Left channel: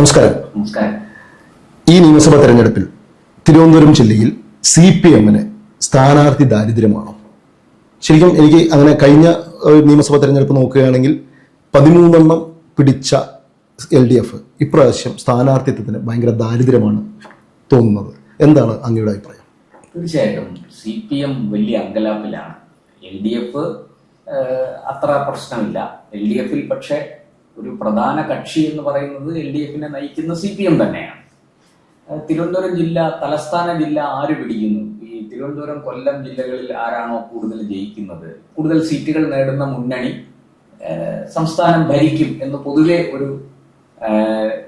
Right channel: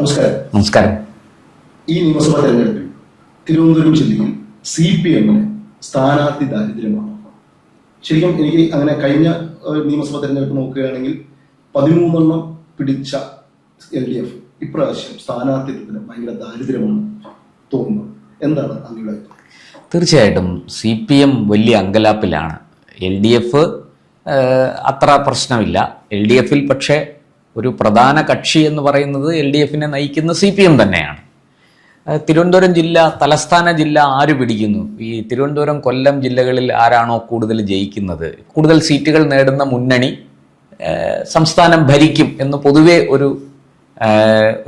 നമസ്കാരം. നമസ്കാരം. ഈ നിയമസഭാ തെരഞ്ഞെടുപ്പിൽ തിരുവനന്തപുരം ജില്ലയിൽ CPM-ന് സ്ഥാനാർത്ഥി ദാരിദ്ര്യമാണോ? ശരിക്കും എനിക്ക് അങ്ങനെ കഴിഞ്ഞ നിയമസഭാ തെരഞ്ഞെടുപ്പ് നോക്കുകയാണെങ്കിൽ 13 പിടിച്ച LDF ഇപ്രാവശ്യം സ്ഥാനാർത്ഥിത്വത്തിന് ഭയങ്കര ദാരിദ്ര്യമാണ് തോന്നുന്നത്. എന്താണ് അങ്ങയുടെ അഭിപ്രായം? തീർച്ചയായിട്ടും CPM വലിയ അങ്കലാപ്പിലാണ്. LDF അത്ര പ്രശ്നമില്ല. LDF-ൽ പക്ഷേ ഒരു പ്രധാന കക്ഷി എന്ന് പറയുന്നത് LDF-നെ നയിക്കുന്ന CPM തന്നെയാണ്. തിരുവനന്തപുരം ജില്ല തലസ്ഥാന ജില്ല ആര് പിടിക്കുന്നു? ഈ തിരുവനന്തപുരം കൊല്ലം ജില്ലകളിൽ ആരാണോ കൂടുതൽ ജയിക്കുന്നത്, കൂടുതൽ സീറ്റുകൾ നേടുന്ന മുന്നണി സംസ്ഥാനം ഭരിക്കും എന്ന് പൊതുവെ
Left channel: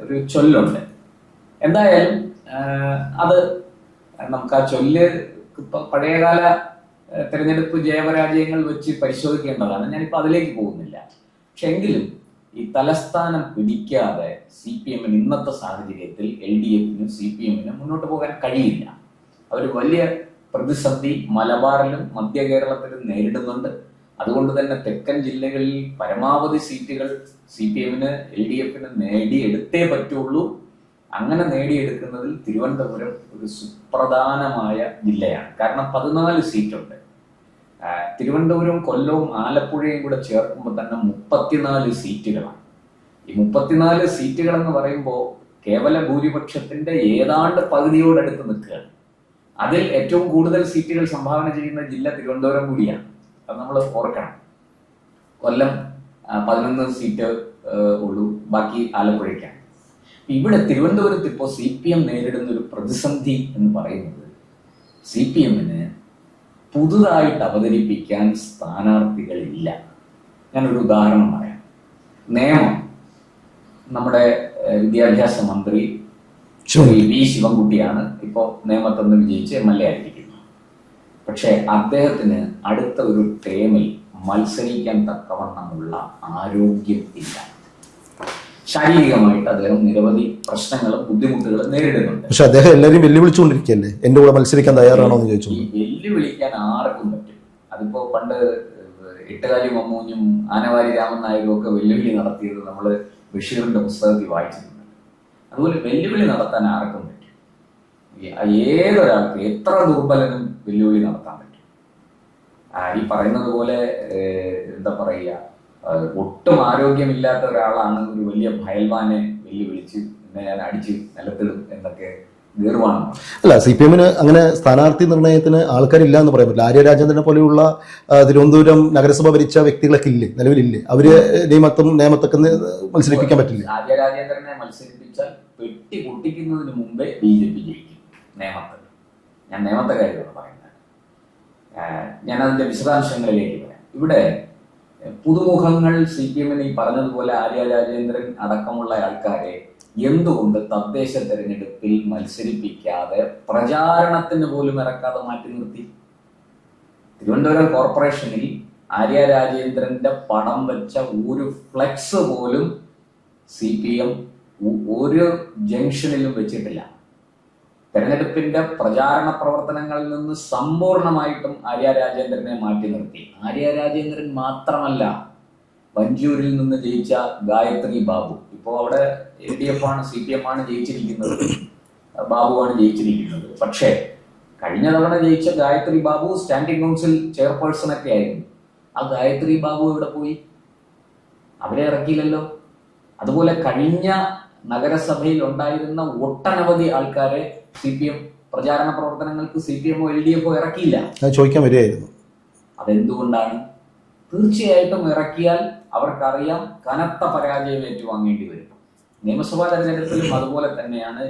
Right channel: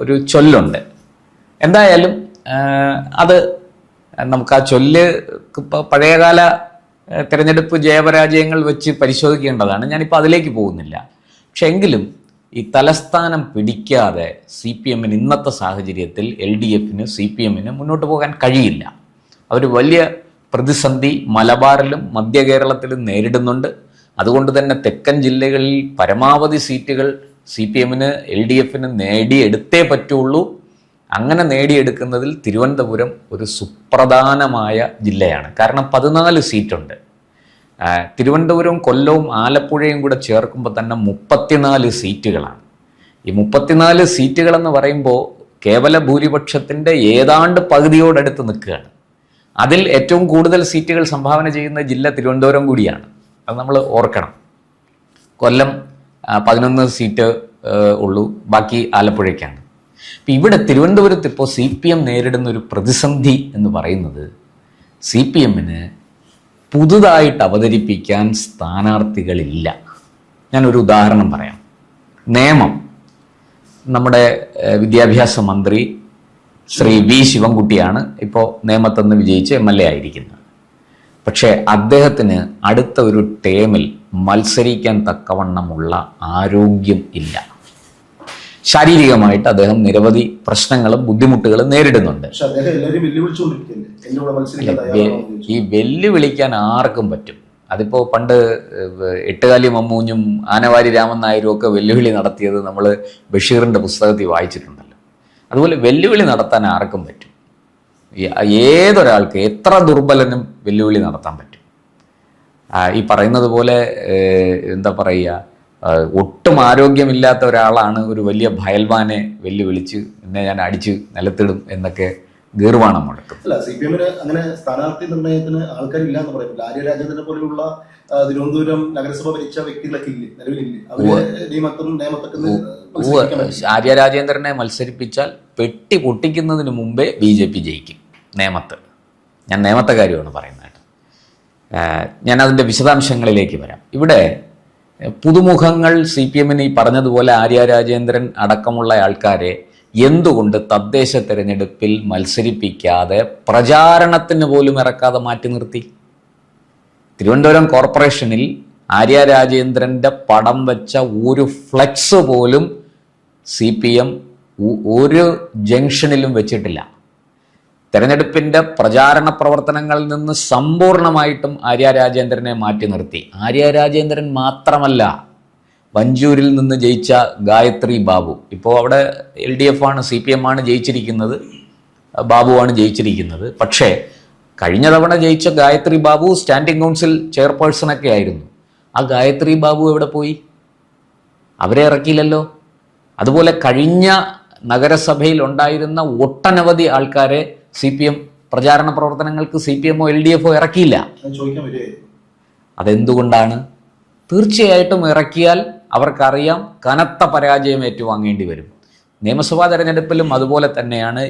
ഒരു ചൊല്ലുണ്ട്. എന്തായാലും അത് നമുക്ക് ആ ചൊല്ല് പഴയകാല തിരഞ്ഞെടുപ്പ് ജയപരാജയങ്ങൾ വെച്ച് പരിശോധിക്കേണ്ടതാണ്. ഞാനിപ്പോൾ അതിലേക്ക് പോകുന്നില്ല. പക്ഷെ എങ്കിലും ഈ തലസ്ഥാനം പിടിക്കാതെ CPM-ന് ഇന്നത്തെ സാഹചര്യത്തിൽ LDF-ന് CPM-ന് മുന്നോട്ട് പോകാൻ കഴിയില്ല. അവർ വലിയ പ്രതിസന്ധി മലബാറിലും മധ്യ കേരളത്തിലും നേരിടുന്നുണ്ട്. അതുകൊണ്ട് തന്നെ തെക്കൻ ജില്ലകളിൽ പരമാവധി സീറ്റുകൾ CPM-ന് LDF-ന് നേടിയെടുത്തേ പറ്റുള്ളൂ. അങ്ങനെ നേടിയെടുക്കുന്നതിൽ തിരുവനന്തപുരം ഒരു സുപ്രധാനമായ ജില്ലയാണ്. കാരണം 14 സീറ്റുണ്ട്. തിരുവനന്തപുരവും കൊല്ലവും ആലപ്പുഴയും കൂടെ ചേർക്കുമ്പോൾ തന്നെ 34 സീറ്റുകളാണ്. ഈ 34 സീറ്റുകളെന്ന് പറയുമ്പോൾ കേവല ഭൂരിപക്ഷത്തിൻ്റെ ഏതാണ്ട് പകുതിയോടടുത്ത് നിൽക്കുകയാണ്. അതിൽ ഏറ്റവും കൂടുതൽ സീറ്റുകൾ സംഭാവന ചെയ്യുന്ന ജില്ല തിരുവനന്തപുരം കൂടിയാണ്. അത് നമ്മൾ ഓർക്കണം. കൊല്ലം 11 സീറ്റ് ഉള്ളൂ, ബാക്കി ആലപ്പുഴയ്ക്കാണ്. അപ്പം ഇവിടെ തിരുവനന്തപുരത്ത് ഇപ്പോൾ CPM നേരിടുന്ന ഒരു പ്രതിസന്ധി എന്ന് പറയുന്നത് CPM-ന് പുതുതായിട്ട് അവതരിപ്പിക്കാൻ സ്ഥാനാർത്ഥികളില്ല. ഞാനൊരു ഉദാഹരണം പറയാം. നിയമം, നമ്മുടെ വിദ്യാഭ്യാസ മന്ത്രി ശ്രീ V. ശിവൻകുട്ടിയാണ് ഇപ്പോൾ നേമത്തുനിന്ന് വിജയിച്ച് MLA ആയിരിക്കുന്നത്. പക്ഷേ അദ്ദേഹത്തിന് അടുത്ത ഒരു ടേമിൽ മത്സരിക്കാൻ തക്കവണ്ണമുള്ള ആരോഗ്യം ഇല്ല. ശാരീരികമായിട്ട് അദ്ദേഹം നിരവധി പ്രശ്നങ്ങളും ബുദ്ധിമുട്ടുകളും നേരിടുന്നുണ്ട്. പക്ഷെ അദ്ദേഹം എല്ലാവരും വെല്ലുവിളിച്ചുകൊണ്ടിരിക്കുകയല്ലേ, എൻ്റെ കൂടെ മത്സരിക്കാൻ തയ്യാറാണോ എന്ന് ചോദിച്ചു. ഈ വെല്ലുവിളിക്കാൻ ആർക്കും പറ്റും. അതിപ്പോൾ പണ്ട് എട്ടുകാലി മമ്മൂഞ്ഞും ആനവാരി രാമൻ നായരും ഒക്കെ വെല്ലുവിളി നടത്തിയത് നമ്മൾ ബഷീറിൻ്റെ പുസ്തകത്തിൽ വായിച്ചിട്ടുണ്ടല്ലോ. അതുപോലെ വെല്ലുവിളി നടത്താൻ ആർക്കും പറ്റും. ഏതൊരാൾക്ക്, എത്ര ദുർബലനും വെല്ലുവിളി നടത്താൻ പറ്റും. ഈ പറയുന്നത് പോലെ എന്താ പറയുക, ഒട്ടും ആരോഗ്യമില്ലാത്ത ഒരാളാണ് ഒരു വലിയ ഭയൽവാനെ വെല്ലുവിളിച്ച് എന്നെ ഞാൻ അടിച്ച് നിലത്തിടും എന്നൊക്കെ ഗീർവാണം മുടക്കും. അല്ല, CPM-ന് അങ്ങനെ സ്ഥാനാർത്ഥി നിർണയത്തിന് ആൾക്കാരില്ല എന്ന് പറയാൻ പറ്റില്ല. ആര്യ രാജേന്ദ്രനെ പോലെയുള്ള തിരുവനന്തപുരം നഗരസഭ ഭരിച്ച വ്യക്തികളൊക്കെ ഇല്ലേ, നിലവിലില്ലേ? അവര് നേമത്തൊക്കെ മത്സരിപ്പിക്കാൻ പറ്റില്ല. ആര്യ രാജേന്ദ്രനെ മത്സരിപ്പിച്ചാൽ പെട്ടി പൊട്ടിക്കുന്നതിന് മുമ്പേ BJP ജയിക്കും നേമത്ത്. ഞാൻ നേമത്തെ കാര്യമാണ് പറയുന്നത്. ഞാൻ അതിൻ്റെ വിശദാംശങ്ങളിലേക്ക് വരാം. ഇവിടെ പുതുമുഖങ്ങൾ CPM-ന് ഈ പറഞ്ഞതുപോലെ ആര്യ രാജേന്ദ്രൻ അടക്കമുള്ള ആൾക്കാരെ എന്തുകൊണ്ട് തദ്ദേശ തെരഞ്ഞെടുപ്പിൽ മത്സരിപ്പിക്കാതെ പ്രചാരണത്തിന് പോലും ഇറക്കാതെ മാറ്റി നിർത്തി? തിരുവനന്തപുരം കോർപ്പറേഷനിൽ ആര്യ രാജേന്ദ്രൻ്റെ പടം വെച്ച ഒരു ഫ്ലെക്സ് പോലും CPM ഒരു ജംഗ്ഷനിലും വെച്ചിട്ടില്ല. തെരഞ്ഞെടുപ്പിൻ്റെ പ്രചാരണ പ്രവർത്തനങ്ങളിൽ നിന്ന് സമ്പൂർണമായിട്ടും ആര്യ രാജേന്ദ്രനെ മാറ്റി നിർത്തി. ആര്യ രാജേന്ദ്രൻ മാത്രമല്ല, വഞ്ചൂരിൽ നിന്ന് ജയിച്ച ഗായത്രി ബാബു, ഇപ്പോൾ അവിടെ LDF ആണ്, CPM ആണ് ജയിച്ചിരിക്കുന്നത്, ബാബുവാണ് ജയിച്ചിരിക്കുന്നത്. പക്ഷേ കഴിഞ്ഞ തവണ ജയിച്ച ഗായത്രി ബാബു സ്റ്റാൻഡിംഗ് കൗൺസിൽ ചെയർപേഴ്സണൊക്കെ ആയിരുന്നു. ആ ഗായത്രി ബാബു എവിടെ പോയി? അവരെ ഇറക്കിയില്ലല്ലോ. അതുപോലെ കഴിഞ്ഞ നഗരസഭയിൽ ഉണ്ടായിരുന്ന ഒട്ടനവധി ആൾക്കാരെ CPM പ്രചാരണ പ്രവർത്തനങ്ങൾക്ക് CPM-ഓ LDF-ഓ ഇറക്കിയില്ല. ചോദിക്കാൻ വരികയായിരുന്നു. അതെന്തുകൊണ്ടാണ്? തീർച്ചയായിട്ടും ഇറക്കിയാൽ അവർക്കറിയാം കനത്ത പരാജയം ഏറ്റുവാങ്ങേണ്ടി വരും. നിയമസഭാ തെരഞ്ഞെടുപ്പിലും അതുപോലെ തന്നെയാണ്.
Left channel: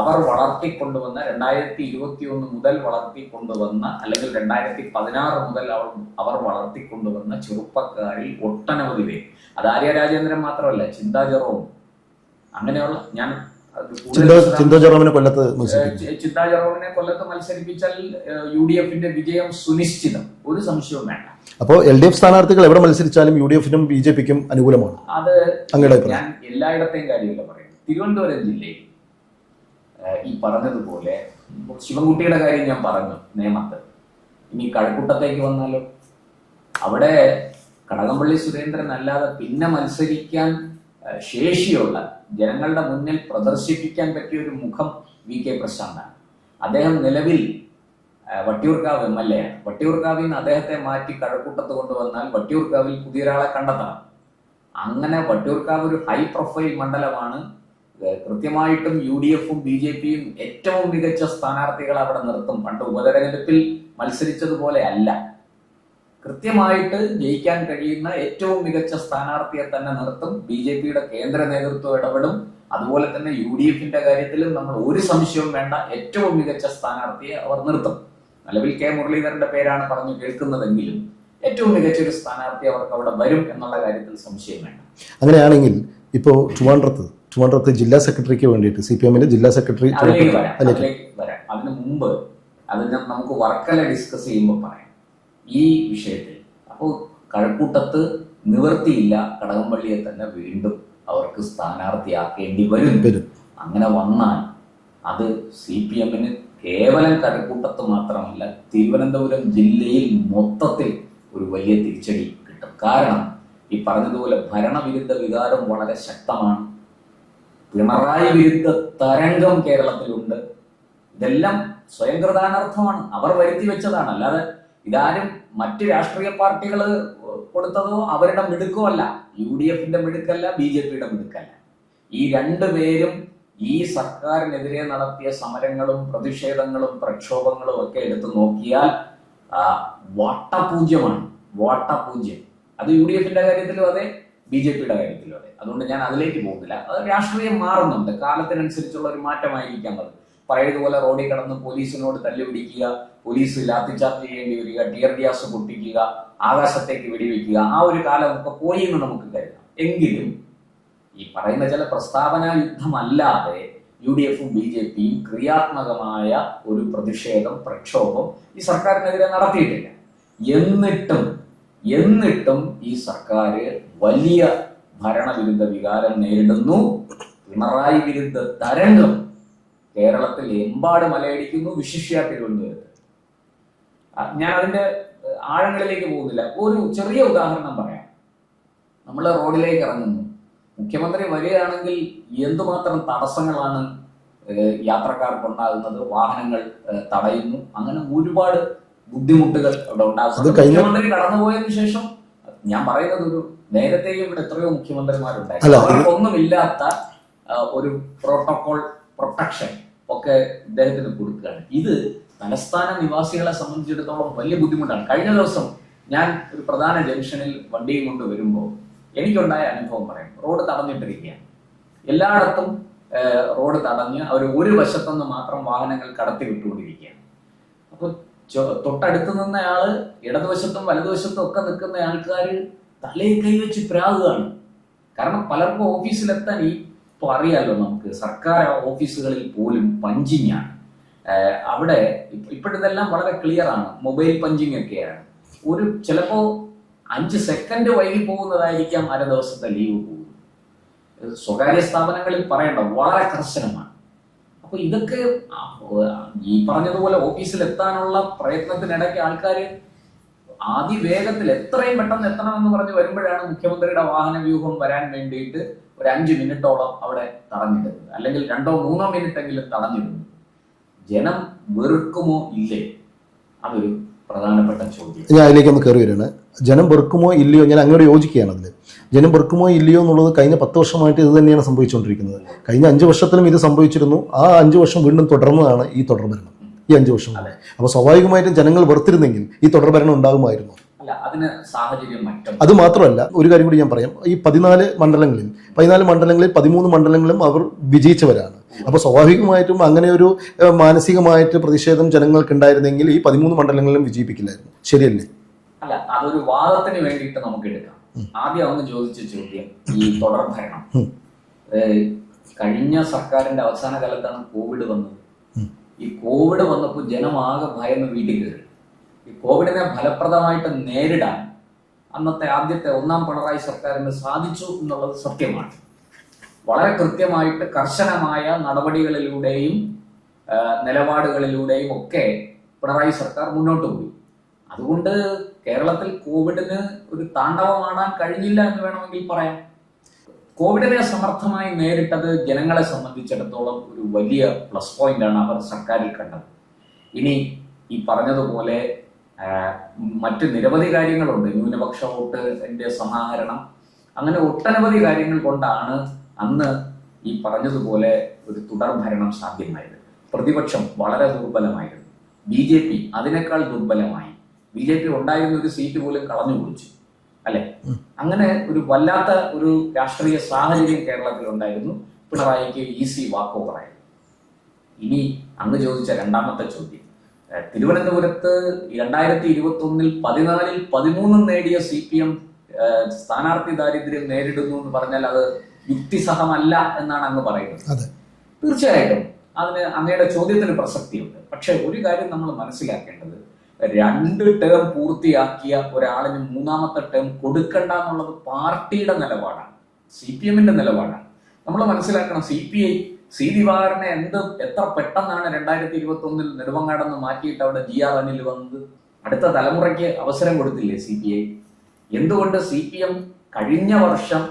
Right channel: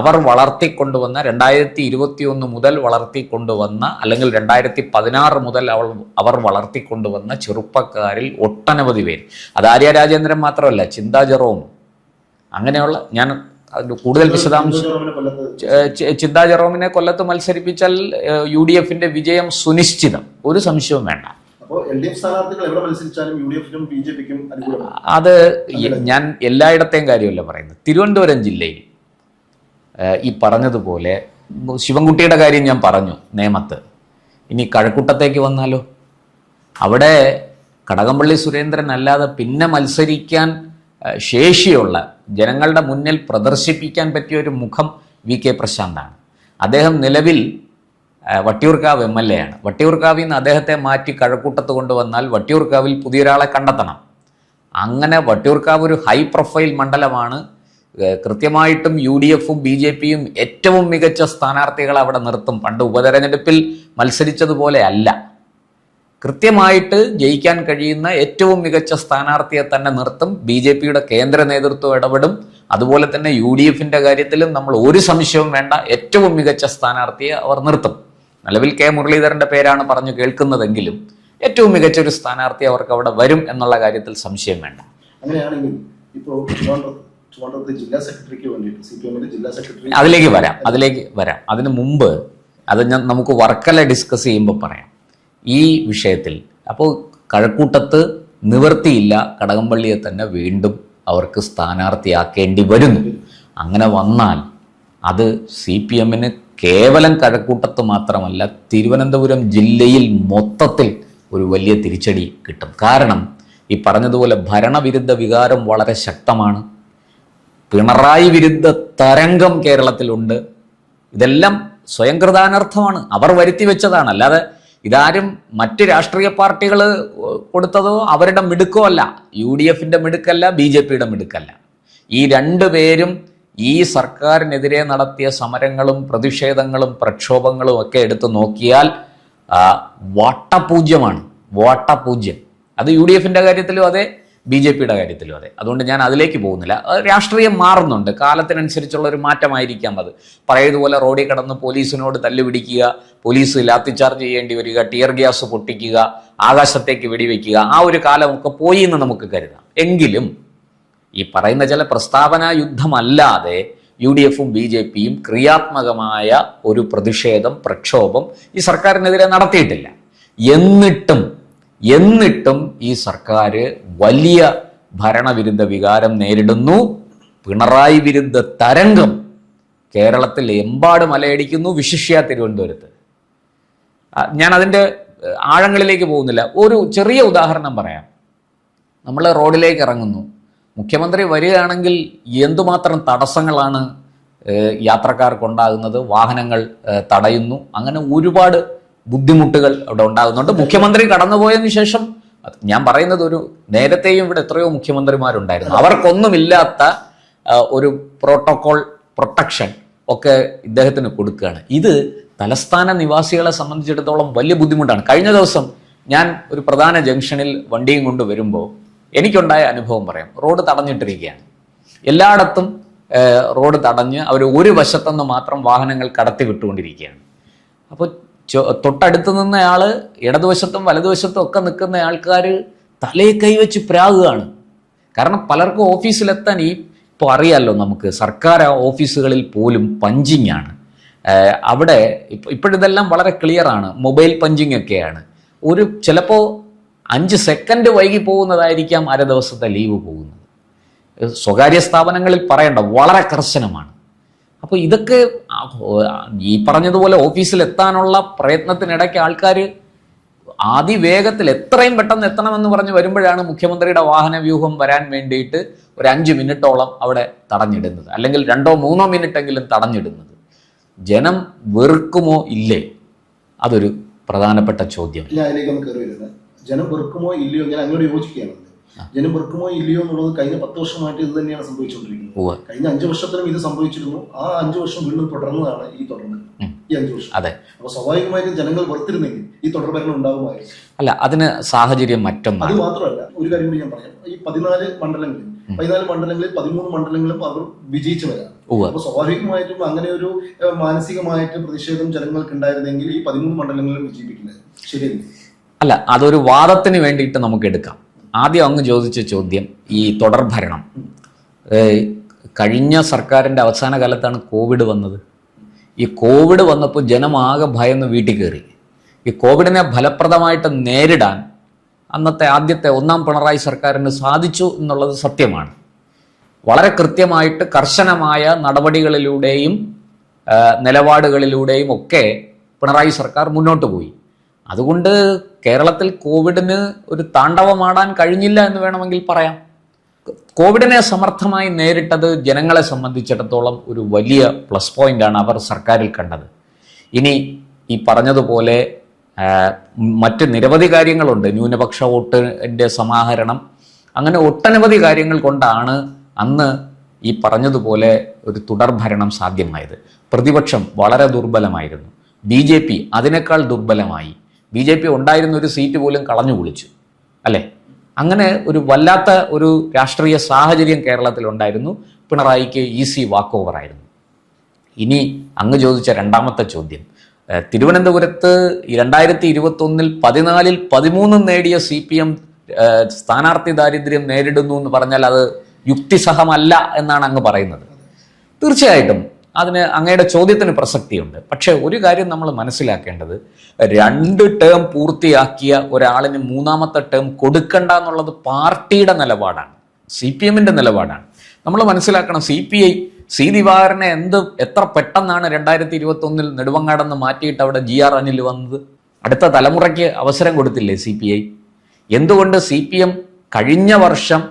അവർ വളർത്തിക്കൊണ്ടുവന്ന 2021 മുതൽ വളർത്തിക്കൊണ്ടുവന്ന, അല്ലെങ്കിൽ 2016 മുതൽ അവർ വളർത്തിക്കൊണ്ടുവന്ന ചെറുപ്പക്കാരിൽ ഒട്ടനവധി പേര്, അത് ആര്യ രാജേന്ദ്രൻ മാത്രമല്ല, ചിന്താ ജെറോം, അങ്ങനെയുള്ള, ഞാൻ കൂടുതൽ ചിന്താ ജെറോമിനെ കൊല്ലത്ത് മത്സരിപ്പിച്ചാൽ UDF-ന്റെ വിജയം സുനിശ്ചിതം, ഒരു സംശയവും വേണ്ട. അപ്പോൾ LDF സ്ഥാനാർത്ഥികൾ എവിടെ മത്സരിച്ചാലും UDF-നും BJP-ക്കും അനുകൂലമാണ്. അത് ഞാൻ എല്ലായിടത്തെയും കാര്യമല്ല പറയുന്നത്. തിരുവനന്തപുരം ജില്ലയിൽ ഈ പറഞ്ഞതുപോലെ ശിവൻകുട്ടിയുടെ കാര്യം ഞാൻ പറഞ്ഞു, നേമത്ത്. ഇനി കഴക്കൂട്ടത്തേക്ക് വന്നാലോ? അവിടെ കടകംപള്ളി സുരേന്ദ്രൻ അല്ലാതെ പിന്നെ മത്സരിക്കാൻ ശേഷിയുള്ള ജനങ്ങളുടെ മുന്നിൽ പ്രദർശിപ്പിക്കാൻ പറ്റിയ ഒരു മുഖം VK പ്രശാന്താണ്. അദ്ദേഹം നിലവിൽ വട്ടിയൂർക്കാവ് MLA ആണ്. വട്ടിയൂർക്കാവിൽ നിന്ന് അദ്ദേഹത്തെ മാറ്റി കഴക്കൂട്ടത്ത് കൊണ്ടുവന്നാൽ വട്ടിയൂർക്കാവിൽ പുതിയൊരാളെ കണ്ടെത്തണം. അങ്ങനെ വട്ടിയൂർക്കാവ് ഒരു ഹൈ പ്രൊഫൈൽ മണ്ഡലമാണ്. കൃത്യമായിട്ടും UDFും BJPയും ഏറ്റവും മികച്ച സ്ഥാനാർത്ഥികളെ അവിടെ നിർത്തും. പണ്ട് ഉപതെരഞ്ഞെടുപ്പിൽ മത്സരിച്ചതുപോലെ അല്ല, കൃത്യമായിട്ട് ജയിക്കാൻ കഴിയുന്ന ഏറ്റവും മികച്ച സ്ഥാനാർത്ഥിയെ തന്നെ നിർത്തും. BJPയുടെ കേന്ദ്ര നേതൃത്വം ഇടപെടും. അതുപോലെ തന്നെ UDFിൻ്റെ കാര്യത്തിലും നമ്മൾ ഒരു സംശയവും വേണ്ട, ഏറ്റവും മികച്ച സ്ഥാനാർത്ഥിയെ അവർ നിർത്തും. നിലവിൽ K മുരളീധരൻ്റെ പേരാണ് പറഞ്ഞു കേൾക്കുന്നതെങ്കിലും ഏറ്റവും മികച്ച ഒരു സ്ഥാനാർത്ഥി അവർക്ക് അവിടെ വരും എന്നുള്ള കാര്യത്തിൽ സംശയം വേണ്ട. അങ്ങനെയാണെങ്കിൽ ഇപ്പോൾ ട്രിവാൻഡ്രത്ത് ജില്ലാ സെക്രട്ടറിക്ക് വേണ്ടിയിട്ട് CPMന്റെ ജില്ലാ സെക്രട്ടറി, അതിലേക്ക് വരാം. അതിന് മുമ്പ് അത് നമുക്ക് വർക്കല ഡിസ്കസ് ചെയ്യുമ്പോൾ പറയാം ഈ വിഷയത്തിൽ. അപ്പോൾ കഴക്കൂട്ടത്ത് നിവൃത്തിയില്ല, കടകംപള്ളിയെ തന്നെ വീണ്ടും അവർക്ക് സ്ഥാനാർത്ഥിയാക്കേണ്ടി വരും. അങ്ങനെ വന്നാൽ അത് CPMന് കേവലം കഴക്കൂട്ടത്ത് മാത്രമല്ല തിരുവനന്തപുരം ജില്ലയിൽ മൊത്തത്തിൽ ഒരു വലിയ തിരിച്ചടി കിട്ടും. കാരണം ഈ പറഞ്ഞതുപോലെ ഭരണവിരുദ്ധ വികാരം വളരെ ശക്തമാണ്. പിണറായി വിരുദ്ധ തരംഗം കേരളത്തിലുണ്ട്. ഇതെല്ലാം സ്വയം കൃതാനർത്ഥമാണ്, അവർ വരുത്തി വെച്ചതാണ്. അല്ലാതെ ഇതാരും മറ്റ് രാഷ്ട്രീയ പാർട്ടികൾ കൊടുത്തതോ അവരുടെ മിടുക്കോ അല്ല. UDFിൻ്റെ മിടുക്കല്ല, BJPയുടെ മിടുക്കല്ല. ഈ രണ്ടുപേരും ഈ സർക്കാരിനെതിരെ നടത്തിയ സമരങ്ങളും പ്രതിഷേധങ്ങളും പ്രക്ഷോഭങ്ങളും ഒക്കെ എടുത്തു നോക്കിയാൽ വട്ടപൂജ്യമാണ്. അത് UDFിൻ്റെ കാര്യത്തിലും അതെ, BJPയുടെ കാര്യത്തിലും അതെ. അതുകൊണ്ട് ഞാൻ അതിലേക്ക് പോകുന്നില്ല. രാഷ്ട്രീയം മാറുന്നുണ്ട്, കാലത്തിനനുസരിച്ചുള്ള ഒരു മാറ്റമായിരിക്കാം അത്. പഴയതുപോലെ റോഡിൽ കിടന്ന് പോലീസിനോട് തല്ലുപിടിക്കുക, പോലീസ് ലാത്തിചാർജ് ചെയ്യേണ്ടി വരിക, ടിയർ ഗ്യാസ് പൊട്ടിക്കുക, ആകാശത്തേക്ക് വെടിവെക്കുക, ആ ഒരു കാലമൊക്കെ പോയി എന്ന് നമുക്ക് കരുതാം. എങ്കിലും ഈ പറയുന്ന ചില പ്രസ്താവനാ യുദ്ധമല്ലാതെ UDFും BJPയും ക്രിയാത്മകമായ ഒരു പ്രതിഷേധം, പ്രക്ഷോഭം ഈ സർക്കാരിനെതിരെ നടത്തിയിട്ടില്ല. എന്നിട്ടും ഈ സർക്കാർ വലിയ ഭരണവിരുദ്ധ വികാരം നേരിടുന്നു. പിണറായി വിരുദ്ധ തരംഗം കേരളത്തിൽ എമ്പാടും അലയടിക്കുന്നു, വിശിഷ്യ തിരുവനന്തപുരത്ത്. ഞാൻ അതിൻ്റെ ആഴങ്ങളിലേക്ക് പോകുന്നില്ല. ഒരു ചെറിയ ഉദാഹരണം പറയാം. നമ്മൾ റോഡിലേക്ക് ഇറങ്ങുന്നു, മുഖ്യമന്ത്രി വരികയാണെങ്കിൽ എന്തുമാത്രം തടസ്സങ്ങളാണ് യാത്രക്കാർക്കുണ്ടാകുന്നത്, വാഹനങ്ങൾ തടയുന്നു, അങ്ങനെ ഒരുപാട് ബുദ്ധിമുട്ടുകൾ അവിടെ ഉണ്ടാകുന്നുണ്ട്. മുഖ്യമന്ത്രി കടന്നുപോയതിനു ശേഷം, ഞാൻ പറയുന്നത് ഒരു നേരത്തെയും ഇവിടെ എത്രയോ മുഖ്യമന്ത്രിമാരുണ്ടായിരുന്നു, അവർക്കൊന്നുമില്ലാത്ത ഒരു പ്രോട്ടോകോൾ പ്രൊട്ടക്ഷൻ ഒക്കെ ഇദ്ദേഹത്തിന് കൊടുക്കുകയാണ്. ഇത് തലസ്ഥാന നിവാസികളെ സംബന്ധിച്ചിടത്തോളം വലിയ ബുദ്ധിമുട്ടാണ്. കഴിഞ്ഞ ദിവസം ഞാൻ ഒരു പ്രധാന ജംഗ്ഷനിൽ വണ്ടിയും കൊണ്ട് വരുമ്പോൾ എനിക്കുണ്ടായ അനുഭവം പറയാം. റോഡ് തടഞ്ഞിട്ടിരിക്കുകയാണ്, എല്ലായിടത്തും റോഡ് തടഞ്ഞ് അവർ ഒരു വശത്തുനിന്ന് മാത്രം വാഹനങ്ങൾ കടത്തി വിട്ടുകൊണ്ടിരിക്കുകയാണ്. അപ്പോൾ തൊട്ടടുത്ത് നിന്നയാൾ ഇടതുവശത്തും വലതുവശത്തും ഒക്കെ നിൽക്കുന്ന ആൾക്കാർ തലയെ കൈവച്ച് പ്രാകുകയാണ്. കാരണം പലർക്കും ഓഫീസിലെത്താൻ ഇപ്പോൾ അറിയാമല്ലോ, നമുക്ക് സർക്കാർ ഓഫീസുകളിൽ പോലും പഞ്ചിങ് ആണ്. അവിടെ ഇപ്പോഴിതെല്ലാം വളരെ ക്ലിയറാണ്, മൊബൈൽ പഞ്ചിങ് ഒക്കെയാണ്. ചിലപ്പോൾ 5 സെക്കൻഡ് വൈകി പോകുന്നതായിരിക്കാം അര ദിവസത്തെ ലീവ് പോകുന്നത്. സ്വകാര്യ സ്ഥാപനങ്ങളിൽ പറയണ്ട, വളരെ കർശനമാണ്. അപ്പോൾ ഇതൊക്കെ ഈ പറഞ്ഞതുപോലെ ഓഫീസിലെത്താനുള്ള പ്രയത്നത്തിനിടയ്ക്ക് ആൾക്കാർ അതിവേഗത്തിൽ എത്രയും പെട്ടെന്ന് എത്തണമെന്ന് പറഞ്ഞ് വരുമ്പോഴാണ് മുഖ്യമന്ത്രിയുടെ വാഹന വ്യൂഹം വരാൻ വേണ്ടിയിട്ട് ഒരു 5 മിനിറ്റോളം അവിടെ തടഞ്ഞിടുന്നത്, അല്ലെങ്കിൽ 2-3 മിനിറ്റെങ്കിലും തടഞ്ഞിടുന്നത്. ജനം വെറുക്കുമോ ഇല്ലേ, അതൊരു പ്രധാനപ്പെട്ട ചോദ്യം. ഞാൻ അതിലേക്കൊന്ന് കയറി വരികയാണ്. ജനം വെറുക്കുമോ ഇല്ലയോ, ഞാൻ അങ്ങോട്ട് യോജിക്കുകയാണ്. അതിൽ ജനം വെറുക്കുമോ ഇല്ലയോ എന്നുള്ളത് കഴിഞ്ഞ 10 വർഷമായിട്ട് ഇത് തന്നെയാണ് സംഭവിച്ചുകൊണ്ടിരിക്കുന്നത്. കഴിഞ്ഞ 5 വർഷത്തിലും ഇത് സംഭവിച്ചിരുന്നു. ആ 5 വർഷം വീണ്ടും തുടർന്നതാണ് ഈ തുടർഭരണം, ഈ 5 വർഷം. അതെ. അപ്പോൾ സ്വാഭാവികമായിട്ടും ജനങ്ങൾ വെറുത്തിരുന്നെങ്കിൽ ഈ തുടർഭരണം ഉണ്ടാകുമായിരുന്നു. അല്ല, അതിന് സാഹചര്യം മറ്റൊന്നും. അത് മാത്രമല്ല, ഒരു കാര്യം കൂടി ഞാൻ പറയാം. ഈ 14 മണ്ഡലങ്ങളിൽ 13 മണ്ഡലങ്ങളും അവർ വിജയിച്ചവരാണ്. അപ്പൊ സ്വാഭാവികമായിട്ടും അങ്ങനെ ഒരു മാനസികമായിട്ട് പ്രതിഷേധം ജനങ്ങൾക്ക് ഉണ്ടായിരുന്നെങ്കിൽ ഈ 13 മണ്ഡലങ്ങളിലും വിജയിപ്പിക്കില്ലായിരുന്നു. ശരിയല്ലേ? അല്ല, അതൊരു വാദത്തിന് വേണ്ടിയിട്ട് നമുക്ക് എടുക്കാം. ആദ്യം അങ്ങ് ചോദിച്ച ചോദ്യം, ഈ തുടർഭരണം, കഴിഞ്ഞ സർക്കാരിൻ്റെ അവസാന കാലത്താണ് കോവിഡ് വന്നത്. ഈ കോവിഡ് വന്നപ്പോൾ ജനമാകെ ഭയന്ന് വീട്ടിൽ കയറി. ഈ കോവിഡിനെ ഫലപ്രദമായിട്ട് നേരിടാൻ ആദ്യത്തെ 1ാം പിണറായി സർക്കാരിന് സാധിച്ചു എന്നുള്ളത് സത്യമാണ്. വളരെ കൃത്യമായിട്ട് കർശനമായ നടപടികളിലൂടെയും നിലപാടുകളിലൂടെയും ഒക്കെ പിണറായി സർക്കാർ മുന്നോട്ട് പോയി. അതുകൊണ്ട് കേരളത്തിൽ കോവിഡിന് ഒരു താണ്ഡവമാടാൻ കഴിഞ്ഞില്ല എന്ന് വേണമെങ്കിൽ പറയാം. കോവിഡിനെ സമർത്ഥമായി നേരിട്ടത് ജനങ്ങളെ സംബന്ധിച്ചിടത്തോളം ഒരു വലിയ പ്ലസ് പോയിന്റാണ് അവർ സർക്കാരിൽ കണ്ടത്. ഇനി ഈ പറഞ്ഞതുപോലെ മറ്റ് നിരവധി കാര്യങ്ങളുണ്ട്. ന്യൂനപക്ഷ വോട്ടിൻ്റെ സമാഹരണം, അങ്ങനെ ഒട്ടനവധി കാര്യങ്ങൾ കൊണ്ടാണ് അന്ന് ഈ പറഞ്ഞതുപോലെ ഒരു തുടർഭരണം സാധ്യമായത്. പ്രതിപക്ഷം വളരെ ദുർബലമായിരുന്നു. BJP അതിനേക്കാൾ ദുർബലമായി. BJP ഉണ്ടായിരുന്ന ഒരു സീറ്റ് പോലും കളഞ്ഞു കുളിച്ചു, അല്ലേ? അങ്ങനെ ഒരു വല്ലാത്ത ഒരു രാഷ്ട്രീയ സാഹചര്യം കേരളത്തിലുണ്ടായിരുന്നു. പിണറായിക്ക് ഈസി വാക്ക് ഓവർ ആയിരുന്നു. ഇനി അങ്ങ് ചോദിച്ച രണ്ടാമത്തെ ചോദ്യം, തിരുവനന്തപുരത്ത് 2021 14 13 നേടിയ CPM സ്ഥാനാർത്ഥി ദാരിദ്ര്യം നേരിടുന്നു എന്ന് പറഞ്ഞാൽ അത് യുക്തിസഹമല്ല എന്നാണ് അങ്ങ് പറയുന്നത്. തീർച്ചയായിട്ടും അതിന് അങ്ങയുടെ ചോദ്യത്തിന് പ്രസക്തിയുണ്ട്. പക്ഷെ ഒരു കാര്യം നമ്മൾ മനസ്സിലാക്കേണ്ടത്, 2 ടേം പൂർത്തിയാക്കിയ ഒരാളിന് 3ാമത്തെ ടേം കൊടുക്കണ്ട എന്നുള്ളത് പാർട്ടിയുടെ നിലപാടാണ്, CPMന്റെ നിലപാടാണ്. നമ്മൾ മനസ്സിലാക്കണം, CPI ദിവാകരനെ എത്ര പെട്ടെന്നാണ് 2021 നെടുമങ്ങാടെന്ന് മാറ്റിയിട്ട് അവിടെ GR അനിൽ വന്നത്. അടുത്ത തലമുറയ്ക്ക് അവസരം കൊടുത്തില്ലേ CPI? എന്തുകൊണ്ട് CPM കഴിഞ്ഞ വർഷം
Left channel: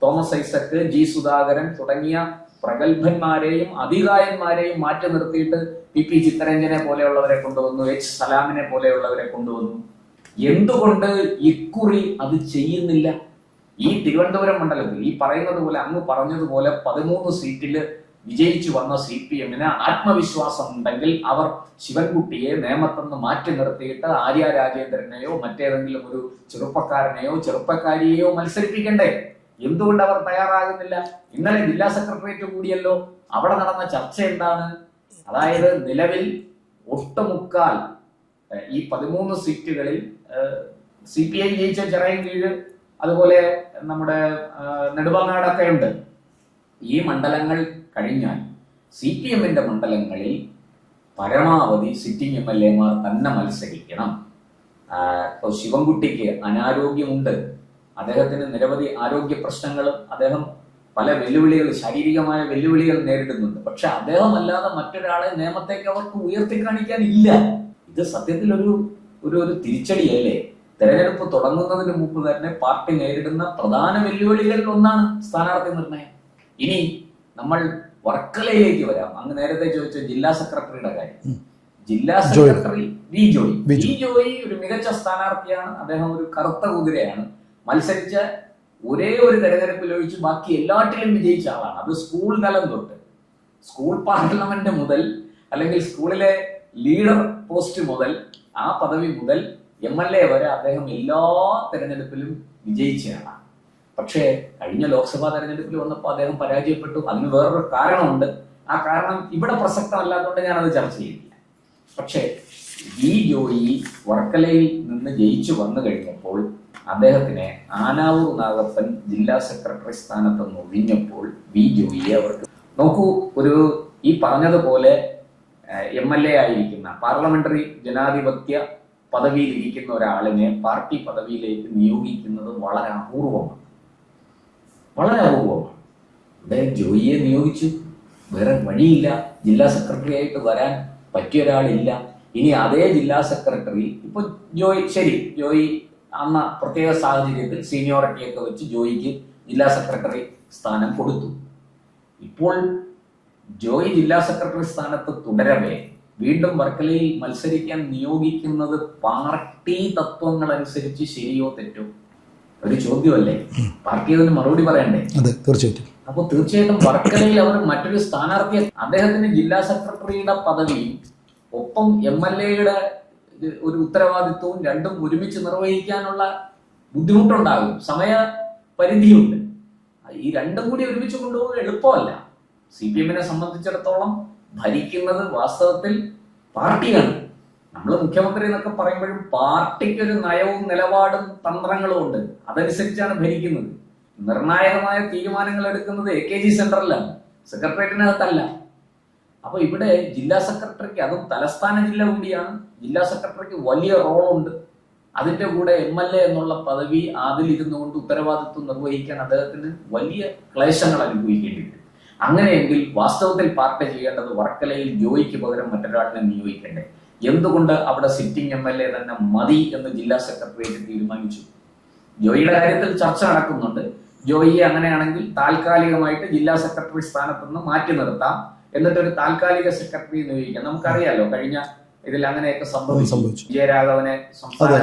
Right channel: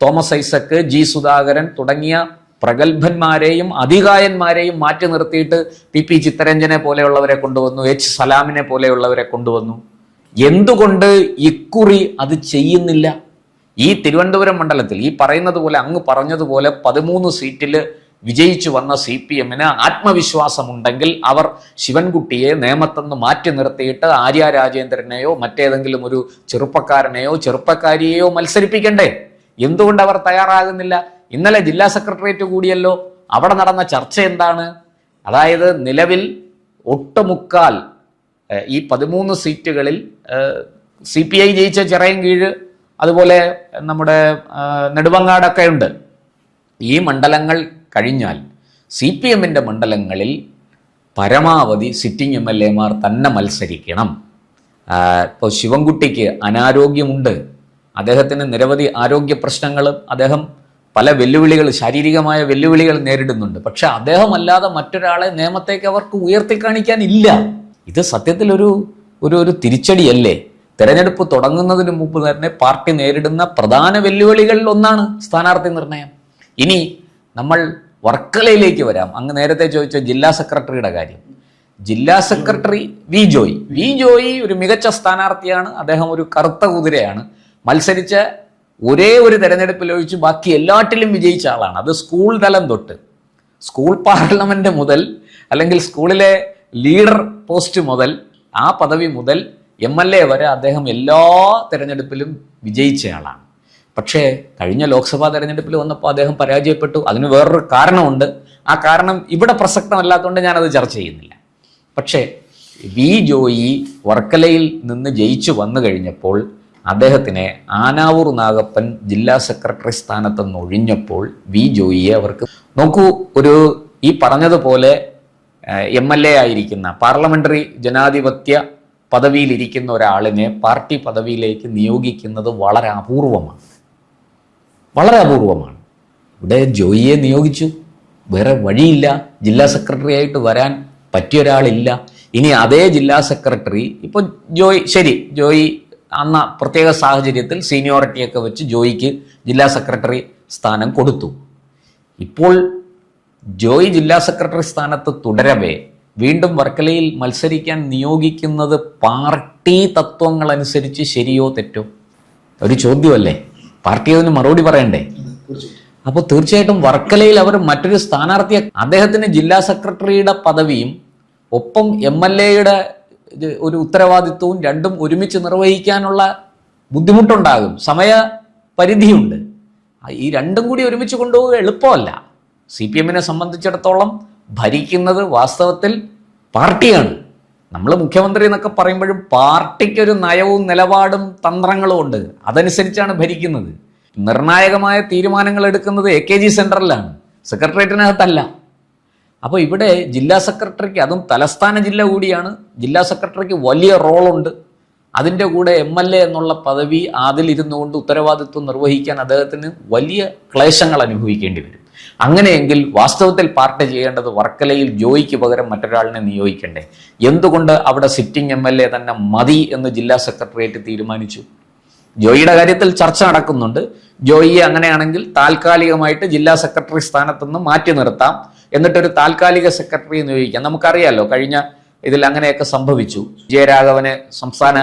തോമസ് ഐസക്, G സുധാകരൻ തുടങ്ങിയ പ്രഗത്ഭന്മാരെയും അധികായന്മാരെയും മാറ്റി നിർത്തിയിട്ട് PP ചിത്തരഞ്ജനെ പോലെയുള്ളവരെ കൊണ്ടുവന്നു, H സലാമിനെ പോലെയുള്ളവരെ കൊണ്ടുവന്നു? എന്തുകൊണ്ട് ഇക്കുറി അത് ചെയ്യുന്നില്ല? ഈ തിരുവനന്തപുരം മണ്ഡലത്തിൽ ഈ പറയുന്നത് പോലെ, അങ്ങ് പറഞ്ഞതുപോലെ 13 സീറ്റിൽ വിജയിച്ചു വന്ന CPMന് ആത്മവിശ്വാസമുണ്ടെങ്കിൽ അവർ ശിവൻകുട്ടിയെ നേമത്തെന്ന് മാറ്റി നിർത്തിയിട്ട് ആര്യ രാജേന്ദ്രനെയോ മറ്റേതെങ്കിലും ഒരു ചെറുപ്പക്കാരനെയോ ചെറുപ്പക്കാരിയെയോ മത്സരിപ്പിക്കണ്ടേ? എന്തുകൊണ്ട് അവർ തയ്യാറാകുന്നില്ല? ഇന്നലെ ജില്ലാ സെക്രട്ടേറിയറ്റ് കൂടിയല്ലോ. അവിടെ നടന്ന ചർച്ച എന്താണ്? അതായത് നിലവിൽ ഒട്ടുമുക്കാൽ ഈ 13 സീറ്റുകളിൽ CPI ജയിച്ച ചിറയൻകീഴ്, അതുപോലെ നമ്മുടെ നെടുമങ്ങാടൊക്കെ ഉണ്ട്. ഈ മണ്ഡലങ്ങൾ കഴിഞ്ഞാൽ CPMന്റെ മണ്ഡലങ്ങളിൽ പരമാവധി സിറ്റിംഗ് MLAമാർ തന്നെ മത്സരിക്കണം. ഇപ്പോൾ ശിവൻകുട്ടിക്ക് അനാരോഗ്യമുണ്ട്, അദ്ദേഹത്തിന് നിരവധി ആരോഗ്യ പ്രശ്നങ്ങൾ, അദ്ദേഹം പല വെല്ലുവിളികൾ, ശാരീരികമായ വെല്ലുവിളികൾ നേരിടുന്നുണ്ട്. പക്ഷെ അദ്ദേഹം അല്ലാതെ മറ്റൊരാളെ നിയമത്തേക്ക് അവർക്ക് ഉയർത്തിക്കാണിക്കാനില്ല. ഇത് സത്യത്തിൽ ഒരു തിരിച്ചടിയല്ലേ? തെരഞ്ഞെടുപ്പ് തുടങ്ങുന്നതിന് മുമ്പ് തന്നെ പാർട്ടി നേരിടുന്ന പ്രധാന വെല്ലുവിളികളിൽ ഒന്നാണ് സ്ഥാനാർത്ഥി നിർണയം. ഇനി നമ്മൾ വർക്കലയിലേക്ക് വരാം. അങ്ങ് നേരത്തെ ചോദിച്ച ജില്ലാ സെക്രട്ടറിയുടെ കാര്യം. ജില്ലാ സെക്രട്ടറി വി ജോയി ഒരു മികച്ച സ്ഥാനാർത്ഥിയാണ്. അദ്ദേഹം ഒരു കറുത്ത കുതിരയാണ്. മത്സരിച്ച ഒരേ ഒരു തെരഞ്ഞെടുപ്പിൽ ഒഴിച്ച് ബാക്കി എല്ലാറ്റിലും വിജയിച്ച ആളാണ്. അത് സ്കൂൾ തലം തൊട്ട്, സ്കൂൾ പാർലമെന്റ് മുതൽ, അല്ലെങ്കിൽ സ്കൂളിലെ ലീഡർ പോസ്റ്റ് മുതൽ, ആ പദവി മുതൽ MLA വരെ അദ്ദേഹം എല്ലാ തെരഞ്ഞെടുപ്പിലും വിജയിച്ചയാളാണ്. പക്ഷേ കഴിഞ്ഞ ലോക്സഭാ തെരഞ്ഞെടുപ്പിൽ വന്നപ്പോൾ അദ്ദേഹം പരാജയപ്പെട്ടു. അതിന് വേറൊരു കാരണമുണ്ട്. ആ കാരണം ഇവിടെ പ്രസക്തമല്ലാത്തതുകൊണ്ട് ഞാനത് ചർച്ച ചെയ്യുന്നില്ല. പക്ഷേ വി ജോയി വർക്കലയിൽ നിന്ന് ജയിച്ചു വന്നു കഴിഞ്ഞപ്പോൾ അദ്ദേഹത്തിനെ ആനാവൂർ നാഗപ്പൻ ജില്ലാ സെക്രട്ടറി സ്ഥാനത്ത് നിന്ന് ഒഴിഞ്ഞപ്പോൾ വി ജോയിയെ അവർക്ക് നോക്കൂ, ഈ പറഞ്ഞതുപോലെ MLA ആയിരിക്കുന്ന പാർലമെന്ററി ജനാധിപത്യ പദവിയിലിരിക്കുന്ന ഒരാളിനെ പാർട്ടി പദവിയിലേക്ക് നിയോഗിക്കുന്നത് വളരെ അപൂർവമാണ്. ഇവിടെ ജോയിയെ നിയോഗിച്ചു, വേറെ വഴിയില്ല. ജില്ലാ സെക്രട്ടറി ആയിട്ട് വരാൻ പറ്റിയ ഒരാളില്ല. ഇനി അതേ ജില്ലാ സെക്രട്ടറി ഇപ്പോൾ ജോയി അന്ന പ്രത്യേക സാഹചര്യത്തിൽ സീനിയോറിറ്റിയൊക്കെ വെച്ച് ജോയിക്ക് ജില്ലാ സെക്രട്ടറി സ്ഥാനം കൊടുത്തു. ഇപ്പോൾ ജോയി ജില്ലാ സെക്രട്ടറി സ്ഥാനത്ത് തുടരവേ വീണ്ടും വർക്കലയിൽ മത്സരിക്കാൻ നിയോഗിക്കുന്നത് പാർട്ടി തത്വങ്ങൾ അനുസരിച്ച് ശരിയോ തെറ്റോ? ഒരു ചോദ്യമല്ലേ? പാർട്ടി അതിന് മറുപടി പറയണ്ടേ? തീർച്ചയായിട്ടും. അപ്പോൾ തീർച്ചയായിട്ടും വർക്കലയിൽ അവർ മറ്റൊരു സ്ഥാനാർത്ഥിയെ, അദ്ദേഹത്തിന് ജില്ലാ സെക്രട്ടറിയുടെ പദവിയും ഒപ്പം MLAയുടെ ഒരു ഉത്തരവാദിത്വവും രണ്ടും ഒരുമിച്ച് നിർവഹിക്കാനുള്ള ബുദ്ധിമുട്ടുണ്ടാകും, സമയപരിധിയുണ്ട്. ഈ രണ്ടും കൂടി ഒരുമിച്ച് കൊണ്ടുപോവുക എളുപ്പമല്ല. CPMനെ സംബന്ധിച്ചിടത്തോളം ഭരിക്കുന്നത് വാസ്തവത്തിൽ പാർട്ടിയാണ്. നമ്മൾ മുഖ്യമന്ത്രി എന്നൊക്കെ പറയുമ്പോഴും പാർട്ടിക്കൊരു നയവും നിലപാടും തന്ത്രങ്ങളും ഉണ്ട്. അതനുസരിച്ചാണ് ഭരിക്കുന്നത്. നിർണായകമായ തീരുമാനങ്ങൾ എടുക്കുന്നത് AKG സെൻറ്ററിലാണ്, സെക്രട്ടേറിയറ്റിനകത്തല്ല. അപ്പോൾ ഇവിടെ ജില്ലാ സെക്രട്ടറിക്ക്, അതും തലസ്ഥാന ജില്ല കൂടിയാണ്, ജില്ലാ സെക്രട്ടറിക്ക് വലിയ റോളുണ്ട്. അതിൻ്റെ കൂടെ MLA എന്നുള്ള പദവി അതിലിരുന്നുകൊണ്ട് ഉത്തരവാദിത്വം നിർവഹിക്കാൻ അദ്ദേഹത്തിന് വലിയ ക്ലേശങ്ങൾ അനുഭവിക്കേണ്ടി വരും. അങ്ങനെയെങ്കിൽ വാസ്തവത്തിൽ പാർട്ടി ചെയ്യേണ്ടത് വർക്കലയിൽ ജോയിക്ക് പകരം മറ്റൊരാളിനെ നിയോഗിക്കണ്ടേ? എന്തുകൊണ്ട് അവിടെ സിറ്റിംഗ് MLA തന്നെ മതി എന്ന് ജില്ലാ സെക്രട്ടേറിയറ്റ് തീരുമാനിച്ചു? ജോയിയുടെ കാര്യത്തിൽ ചർച്ച നടക്കുന്നുണ്ട്. ജോയിയെ അങ്ങനെയാണെങ്കിൽ താൽക്കാലികമായിട്ട് ജില്ലാ സെക്രട്ടറി സ്ഥാനത്ത് നിന്ന് മാറ്റി നിർത്താം, എന്നിട്ടൊരു താൽക്കാലിക സെക്രട്ടറി നിയോഗിക്കാം. നമുക്കറിയാലോ കഴിഞ്ഞ ഇതിൽ അങ്ങനെയൊക്കെ സംഭവിച്ചു. വിജയരാഘവനെ സംസ്ഥാന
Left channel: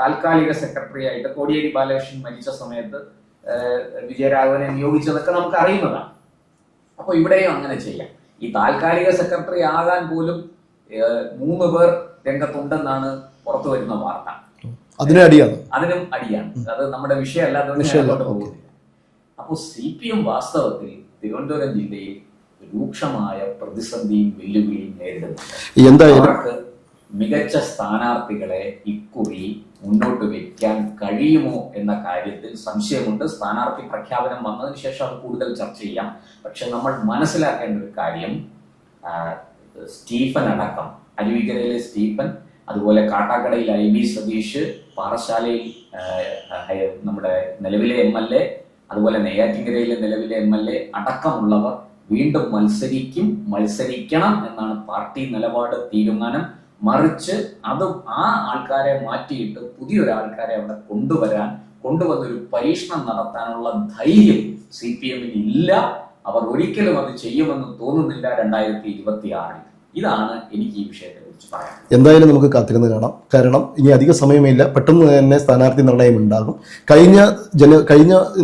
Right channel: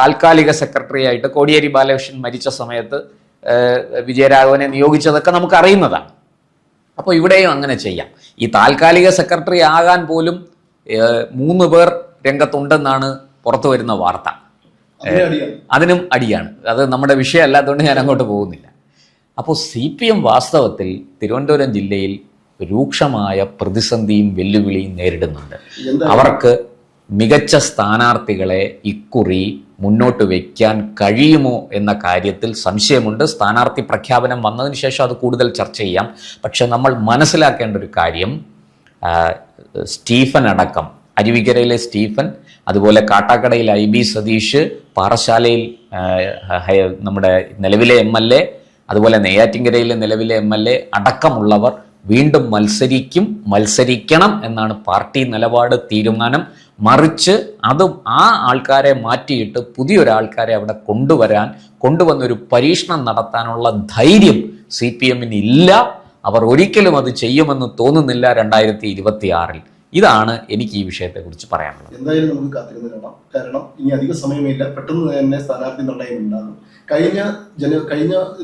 താൽക്കാലിക സെക്രട്ടറി ആയിട്ട് കോടിയേരി ബാലകൃഷ്ണൻ മരിച്ച സമയത്ത് വിജയരാഘവനെ നിയോഗിച്ചതൊക്കെ നമുക്ക് അറിയുന്നതാണ്. അപ്പോൾ ഇവിടെയും അങ്ങനെ ചെയ്യാം. ഈ താൽക്കാലിക സെക്രട്ടറി ആകാൻ പോലും 3 പേർ രംഗത്തുണ്ടെന്നാണ് പുറത്തു വരുന്ന വാർത്ത. അതിനും അടിയാണ്. അത് നമ്മുടെ വിഷയമല്ലാത്തതുകൊണ്ട് ഞാൻ അങ്ങോട്ട് പോകുന്നില്ല. അപ്പോൾ CPM വാസ്തവത്തിൽ തിരുവനന്തപുരം ജില്ലയിൽ രൂക്ഷമായ പ്രതിസന്ധിയും വെല്ലുവിളിയും നേരിടുന്നുണ്ട്. അവർക്ക് മികച്ച സ്ഥാനാർത്ഥികളെ ഇക്കുറി മുന്നോട്ട് വയ്ക്കാൻ കഴിയുമോ എന്ന കാര്യത്തിൽ സംശയമുണ്ട്. സ്ഥാനാർത്ഥി പ്രഖ്യാപനം വന്നതിന് ശേഷം അത് കൂടുതൽ ചർച്ച ചെയ്യാം. പക്ഷെ നമ്മൾ മനസ്സിലാക്കേണ്ട ഒരു കാര്യം, സ്റ്റീഫൻ അടക്കം, അരുവിക്കരയിലെ സ്റ്റീഫൻ, അതുപോലെ കാട്ടാക്കടയിൽ IB സതീഷ്, പാറശാലയിൽ നമ്മുടെ നിലവിലെ MLA, അതുപോലെ നെയ്യാറ്റിൻകരയിലെ നിലവിലെ MLA അടക്കമുള്ളവർ വീണ്ടും മത്സരിക്കണം എന്നാണ് പാർട്ടി നിലപാട്, തീരുമാനം. മറിച്ച് അതും ആ ആൾക്കാരെ മാറ്റിയിട്ട് പുതിയൊരാൾക്കാരെ അവിടെ കൊണ്ടുവന്നൊരു പരീക്ഷണം നടത്താനുള്ള ധൈര്യം CPM-ന് ഇല്ല. അവർ ഒരിക്കലും അത് ചെയ്യുമെന്ന് തോന്നുന്നില്ല 2026-ൽ. ഇതാണ് എനിക്ക് ഈ വിഷയത്തെക്കുറിച്ച് പറയാനുള്ളത്. എന്തായാലും നമുക്ക് കാത്തിരുന്ന് കാണാം. കാരണം ഇനി അധിക സമയമില്ല, പെട്ടെന്ന് തന്നെ സ്ഥാനാർത്ഥി നിർണയം ഉണ്ടാകും. കഴിഞ്ഞ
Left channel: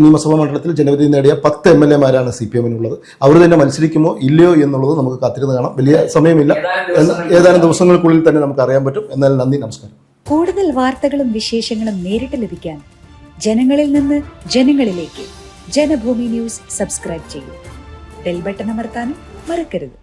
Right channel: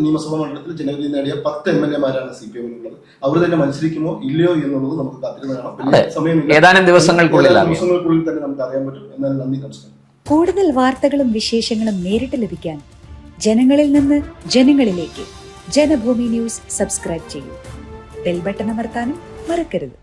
നിയമസഭാ മണ്ഡലത്തിൽ ജനവിധി നേടിയ 10 MLA-മാരാണ് CPM-നുള്ളത്. അവർ തന്നെ മത്സരിക്കുമോ ഇല്ലയോ എന്നുള്ളത് നമുക്ക് കാത്തിരുന്ന് കാണാം. വലിയ സമയമില്ല, ഏതാനും ദിവസങ്ങൾക്കുള്ളിൽ തന്നെ നമുക്ക് അറിയാൻ പറ്റും. എന്നാൽ നന്ദി, നമസ്കാരം. കൂടുതൽ വാർത്തകളും വിശേഷങ്ങളും നേരിട്ട് ലഭിക്കാൻ ജനങ്ങളിൽ നിന്ന് ജനങ്ങളിലേക്ക് ജനഭൂമി ന്യൂസ് സബ്സ്ക്രൈബ് ചെയ്യൂ. ബെൽ ബട്ടൺ അമർത്താനും മറക്കരുത്.